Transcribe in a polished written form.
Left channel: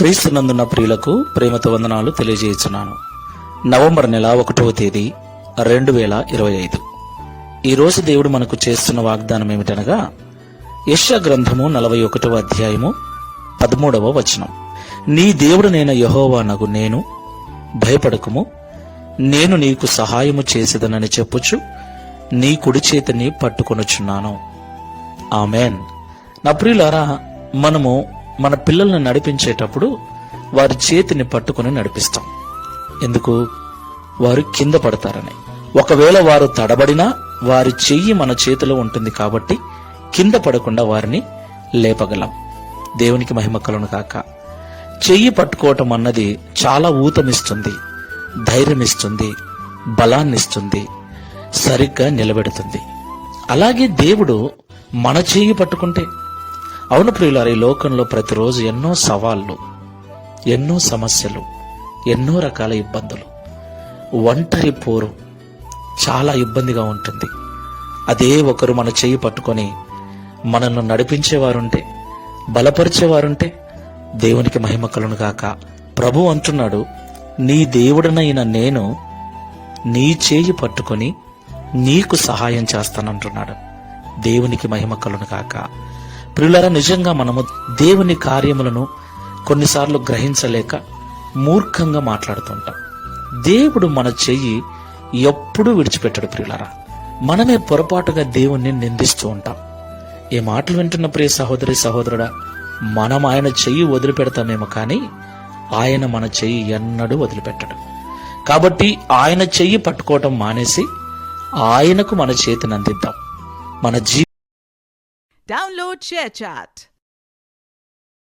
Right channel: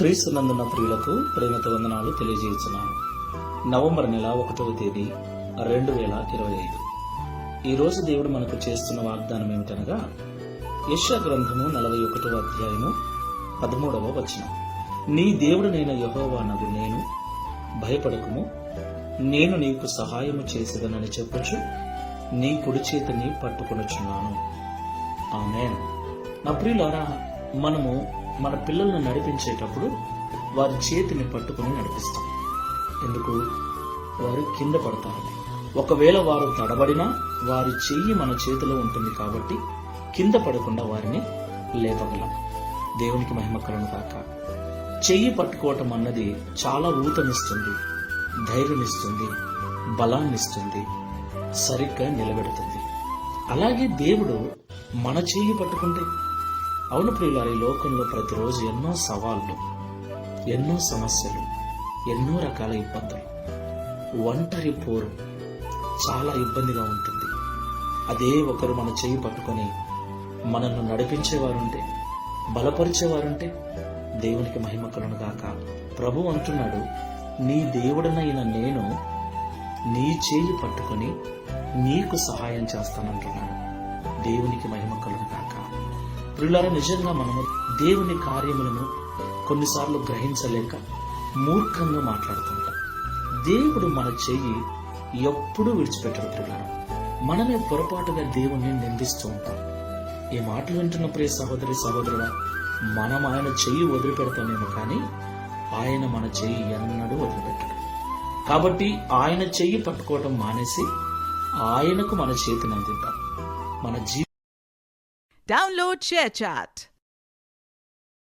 క్రీస్తునందున్న ప్రియులకు ప్రేమతో వందనాలు తెలియజేస్తున్నాను. నవంబర్ నెల 1వ తేదీ 2025. ఈరోజు దేవుడు మనకు చేస్తున్న వాగ్దానం ఏమిటనగా యెషయా గ్రంథము 41వ అధ్యాయము 13వ వచనం. నీ దేవుడనైన యెహోవానగు నేను, భయపడకుము, నేను నీకు సహాయము చేసేదనని చెప్పుచు నీ కుడి చేతిని పట్టుకొనుచున్నాను. ఆమేన్. నా ప్రియులారా, మనము మన పిల్లల్ని నడిపించేటప్పుడు వారి చేతిని పట్టుకుని నడిపిస్తాం. ఎందుకు? వారు కింద పడతారని. ఒకవేళ వారు తడబడినా వారి చెయ్యి మన చేతిలో ఉంటుంది కాబట్టి కింద పడకుండా వారిని లేపగలం. దేవునికి మహిమ కలుగును గాక. చెయ్యి పట్టుకోవటం అన్నది చాలా ఊతమిస్తుంది, ధైర్యమిస్తుంది, బలాన్నిస్తుంది, సరిగ్గా నిలబెడుతుంది. అలాగే దేవుడు మన చెయ్యి పట్టుకుంటే, అవును ప్రియులారా, ఈ లోకంలో ప్రతిరోజు ఎన్నో సవాళ్లు, ఎన్నో సమస్యలు, ఎన్నో రకాల ఇబ్బందులు, ఒంటరి పోరు చాలా ఇబ్బందిగా ఉంటుంది. అదే ఒకరు మన చెయ్యి పట్టుకొని మనల్ని నడిపించేవారుంటే, బలపరిచేవారుంటే దేవునికి మహిమ కలుగును గాక. ప్రభు అంటున్నాడు, నీ దేవుడనైన నేను నీ చేయి పట్టుకొని నీకు సహాయం చేస్తానంటున్నాడు. దేవునికి మహిమ కలుగును గాక. ప్రియులారా, నిజంగా మనము దేవుని కార్యములను కొన్నిసార్లు గ్రహించలేక మూర్ఖంగా మాట్లాడుతుంటాం. దేవుడు మన చెయ్యి ఎప్పుడూ విడిచిపెట్టడు ప్రియులారా. మనమే పొరపాటుగా దేవుణ్ణి నిందిస్తూ ఉంటాం. ఈ మాటలు వింటున్న ప్రియ సహోదరి సహోదరుడా, మనం ఆయన చెయ్యి వదిలిపెడతామేమో కానీ ఆయన మన చెయ్యి ఎన్నడూ వదిలిపెట్టడు. కాబట్టి ఆయన చెయ్యి పట్టుకోవటం మానేసి ఆయనకు మన చేతిని అందిద్దాం. మన Download ShareChat.